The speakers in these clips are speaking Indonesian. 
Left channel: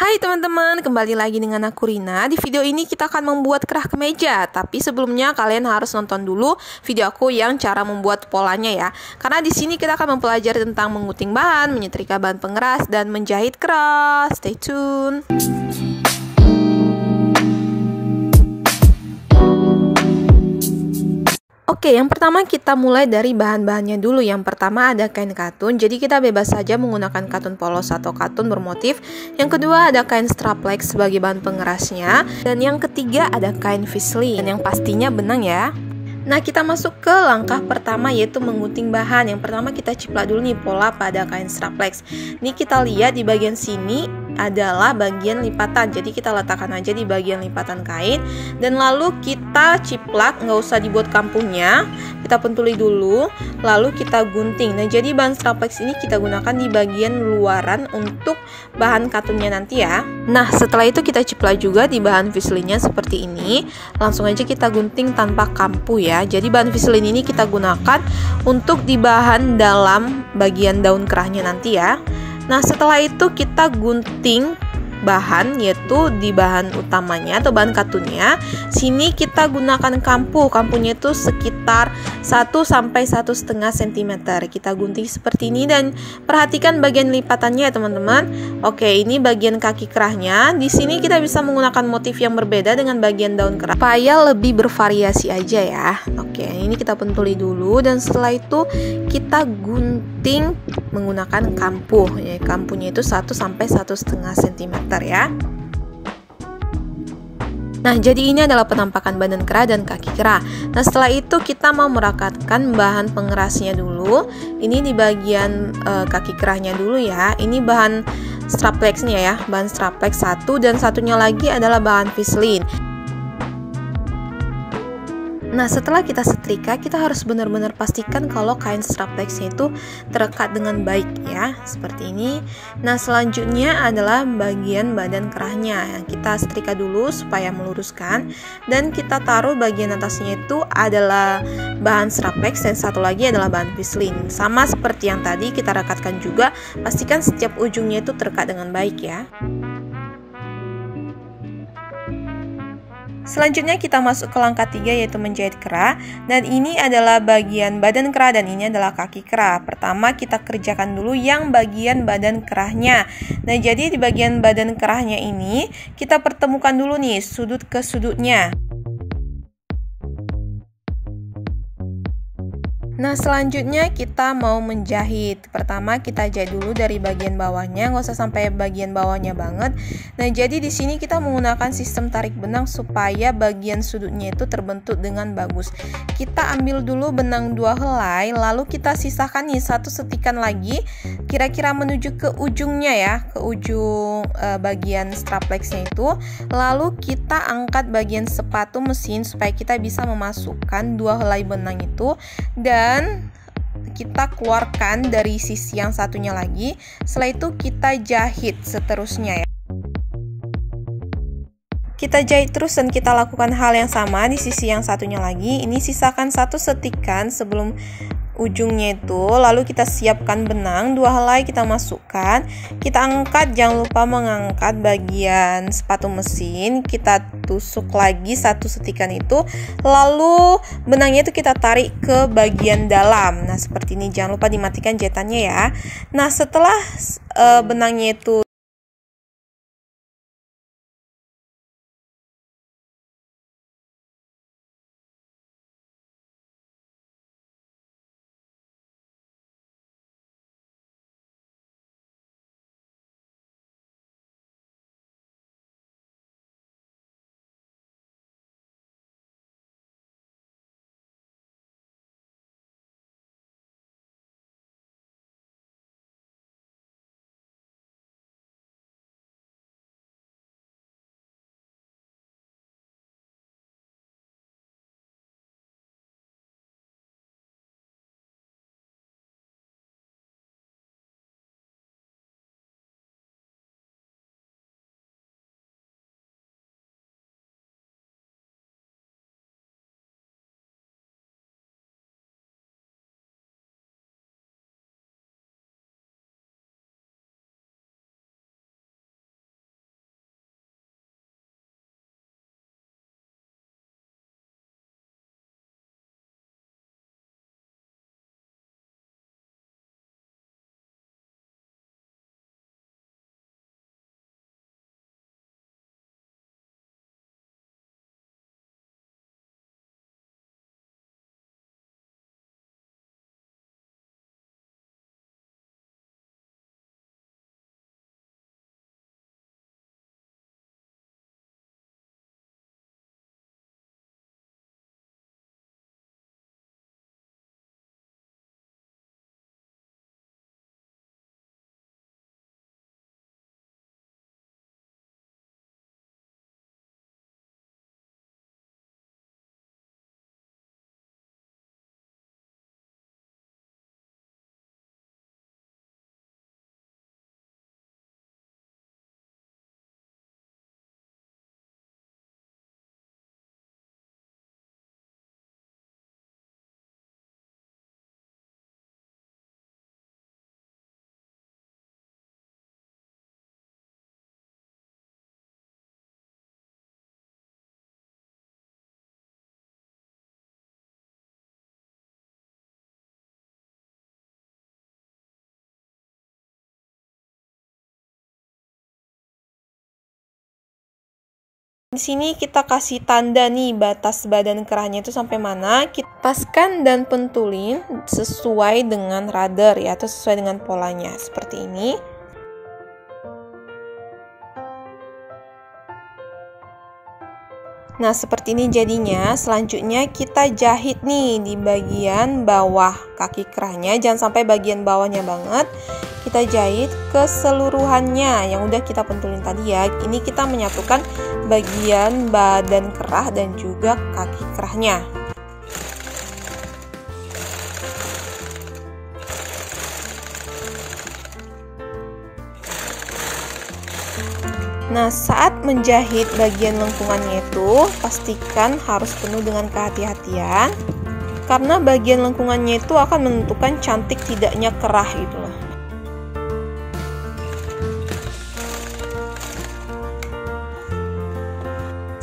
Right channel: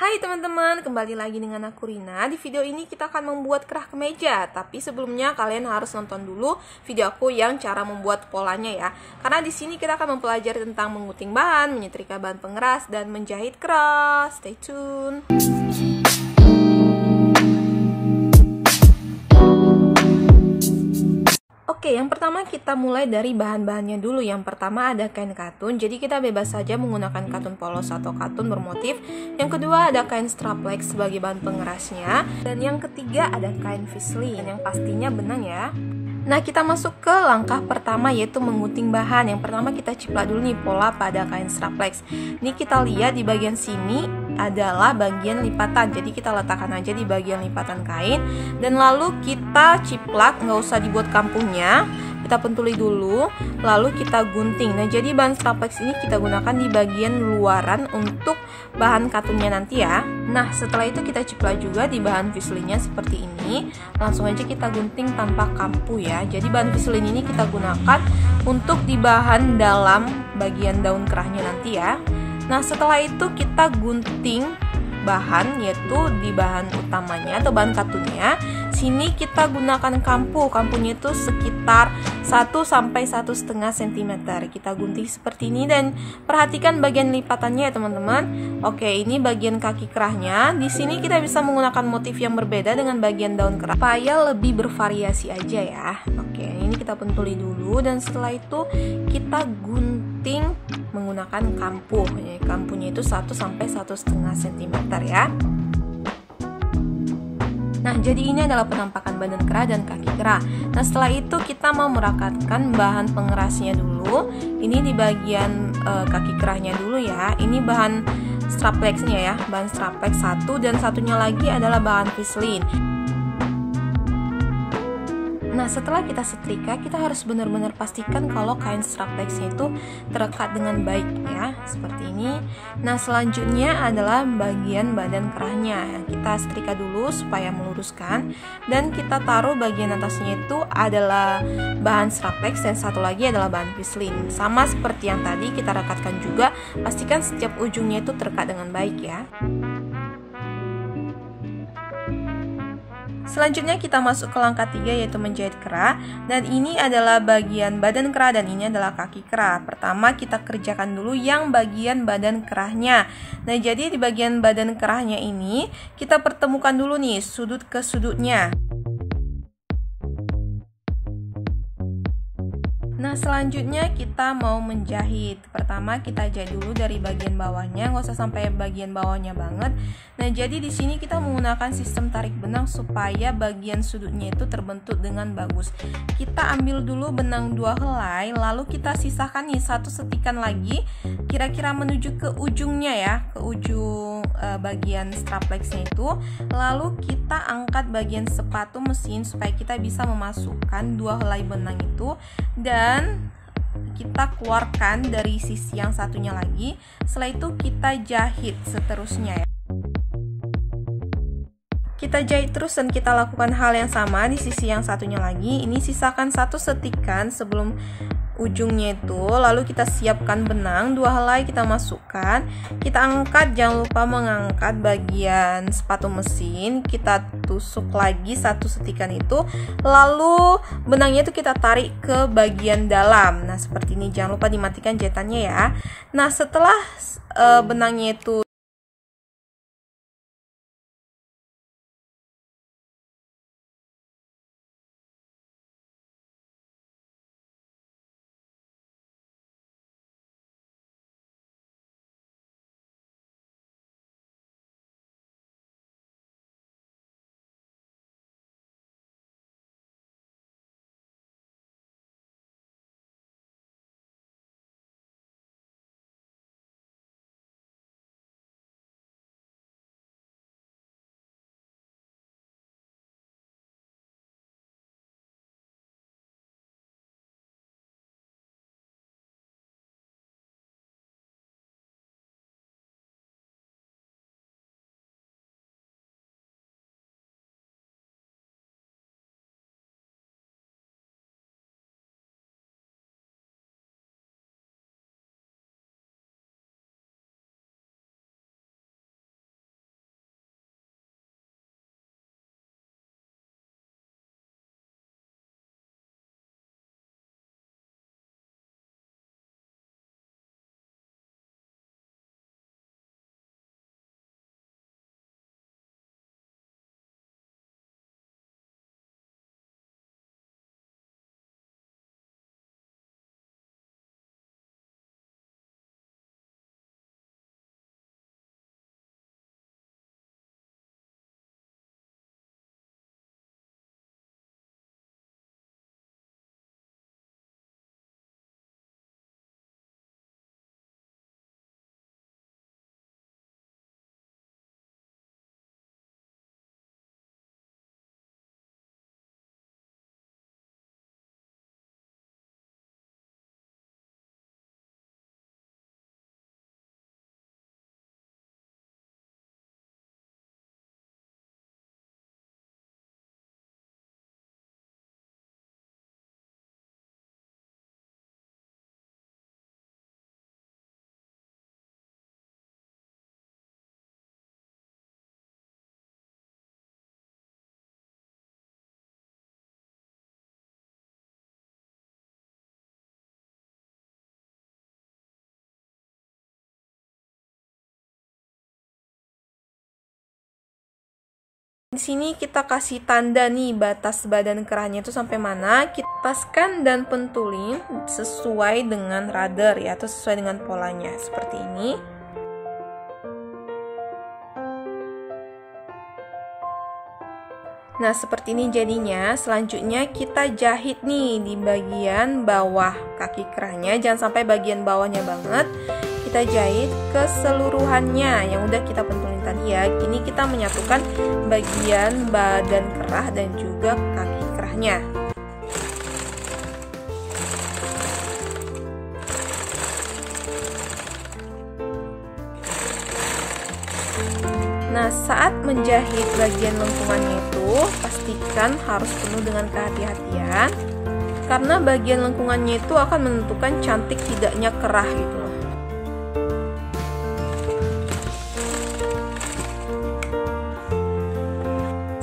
Hai teman-teman, kembali lagi dengan aku Rina. Di video ini kita akan membuat kerah kemeja. Tapi sebelumnya kalian harus nonton dulu video aku yang cara membuat polanya ya. Karena di sini kita akan mempelajari tentang menguting bahan, menyetrika bahan pengeras, dan menjahit kerah. Stay tune. Oke, yang pertama kita mulai dari bahan-bahannya dulu. Yang pertama ada kain katun, jadi kita bebas saja menggunakan katun polos atau katun bermotif. Yang kedua ada kain straplex sebagai bahan pengerasnya. Dan yang ketiga ada kain fislin, yang pastinya benang ya. Nah, kita masuk ke langkah pertama yaitu menguting bahan. Yang pertama kita ciplak dulu nih pola pada kain straplex. Ini kita lihat di bagian sini adalah bagian lipatan, jadi kita letakkan aja di bagian lipatan kain dan lalu kita ciplak, nggak usah dibuat kampungnya, kita pentuli dulu lalu kita gunting. Nah, jadi bahan straplex ini kita gunakan di bagian luaran untuk bahan katunnya nanti ya. Nah, setelah itu kita ciplak juga di bahan fislinnya seperti ini, langsung aja kita gunting tanpa kampu ya. Jadi bahan fislin ini kita gunakan untuk di bahan dalam bagian daun kerahnya nanti ya. Nah, setelah itu kita gunting bahan yaitu di bahan utamanya atau bahan katunnya. Sini kita gunakan kampu. Kampunya itu sekitar 1 sampai 1,5 cm. Kita gunting seperti ini dan perhatikan bagian lipatannya ya teman-teman. Oke, ini bagian kaki kerahnya. Di sini kita bisa menggunakan motif yang berbeda dengan bagian daun kerah supaya lebih bervariasi aja ya. Oke, ini kita pentuli dulu dan setelah itu kita gunting menggunakan kampu. Ya, kampunya itu 1 sampai 1,5 cm ya. Nah, jadi ini adalah penampakan badan kerah dan kaki kerah. Nah, setelah itu kita mau merakatkan bahan pengerasnya dulu. Ini di bagian kaki kerahnya dulu ya. Ini bahan straplexnya ya, bahan straplex satu dan satunya lagi adalah bahan fislin. Nah, setelah kita setrika, kita harus benar-benar pastikan kalau kain straplexnya itu terekat dengan baik ya, seperti ini. Nah, selanjutnya adalah bagian badan kerahnya. Kita setrika dulu supaya meluruskan dan kita taruh bagian atasnya itu adalah bahan straplex dan satu lagi adalah bahan fislin. Sama seperti yang tadi kita rekatkan juga, pastikan setiap ujungnya itu terekat dengan baik ya. Selanjutnya kita masuk ke langkah 3 yaitu menjahit kerah. Dan ini adalah bagian badan kerah dan ini adalah kaki kerah. Pertama kita kerjakan dulu yang bagian badan kerahnya. Nah, jadi di bagian badan kerahnya ini kita pertemukan dulu nih sudut ke sudutnya. Nah, selanjutnya kita mau menjahit. Pertama kita jahit dulu dari bagian bawahnya, nggak usah sampai bagian bawahnya banget. Nah, jadi di sini kita menggunakan sistem tarik benang supaya bagian sudutnya itu terbentuk dengan bagus. Kita ambil dulu benang 2 helai, lalu kita sisakan nih 1 setikan lagi, kira-kira menuju ke ujungnya ya, ke ujung bagian straplexnya itu. Lalu kita angkat bagian sepatu mesin supaya kita bisa memasukkan 2 helai benang itu dan kita keluarkan dari sisi yang satunya lagi. Setelah itu kita jahit seterusnya ya. Kita jahit terus dan kita lakukan hal yang sama di sisi yang satunya lagi. Ini sisakan 1 setikan sebelum ujungnya itu, lalu kita siapkan benang 2 helai, kita masukkan, kita angkat, jangan lupa mengangkat bagian sepatu mesin, kita tusuk lagi 1 setikan itu, lalu benangnya itu kita tarik ke bagian dalam. Nah, seperti ini, jangan lupa dimatikan jahitannya ya. Nah, setelah benangnya itu Di sini kita kasih tanda nih batas badan kerahnya itu sampai mana. Kita paskan dan pentulin sesuai dengan rudder ya, atau sesuai dengan polanya seperti ini. Nah, seperti ini jadinya. Selanjutnya kita jahit nih di bagian bawah kaki kerahnya, jangan sampai bagian bawahnya banget. Kita jahit keseluruhannya yang udah kita pentulin tadi ya. Ini kita menyatukan bagian badan kerah dan juga kaki kerahnya. Nah, saat menjahit bagian lengkungannya itu pastikan harus penuh dengan kehati-hatian, karena bagian lengkungannya itu akan menentukan cantik tidaknya kerah gitu loh.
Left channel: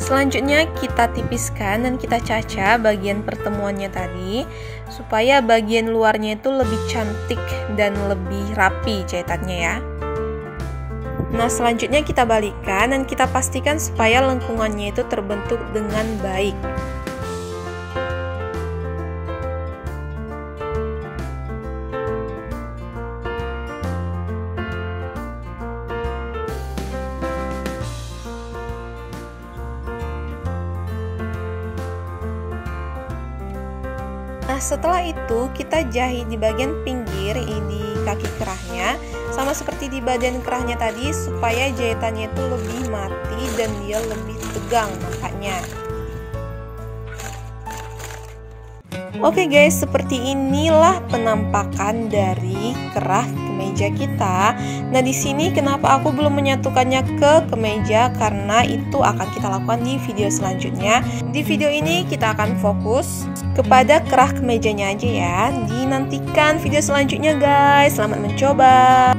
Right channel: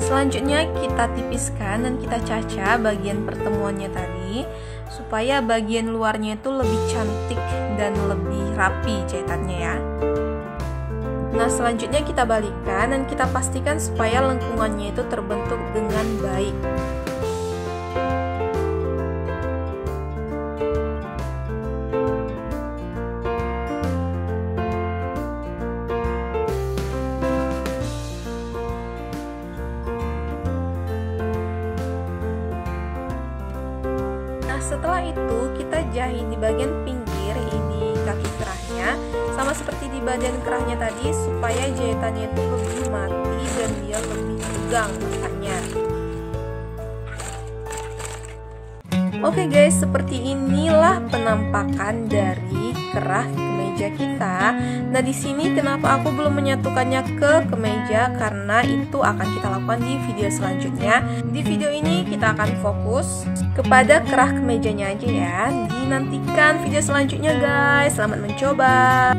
Selanjutnya kita tipiskan dan kita caca bagian pertemuannya tadi supaya bagian luarnya itu lebih cantik dan lebih rapi jahitannya ya. Nah, selanjutnya kita balikkan dan kita pastikan supaya lengkungannya itu terbentuk dengan baik. Nah, setelah itu kita jahit di bagian pinggir di kaki kerahnya, sama seperti di badan kerahnya tadi, supaya jahitannya itu lebih mati dan dia lebih tegang nampaknya. Oke guys, seperti inilah penampakan dari kerah kemeja kita. Nah, di sini kenapa aku belum menyatukannya ke kemeja, karena itu akan kita lakukan di video selanjutnya. Di video ini kita akan fokus kepada kerah kemejanya aja ya. Dinantikan video selanjutnya guys. Selamat mencoba.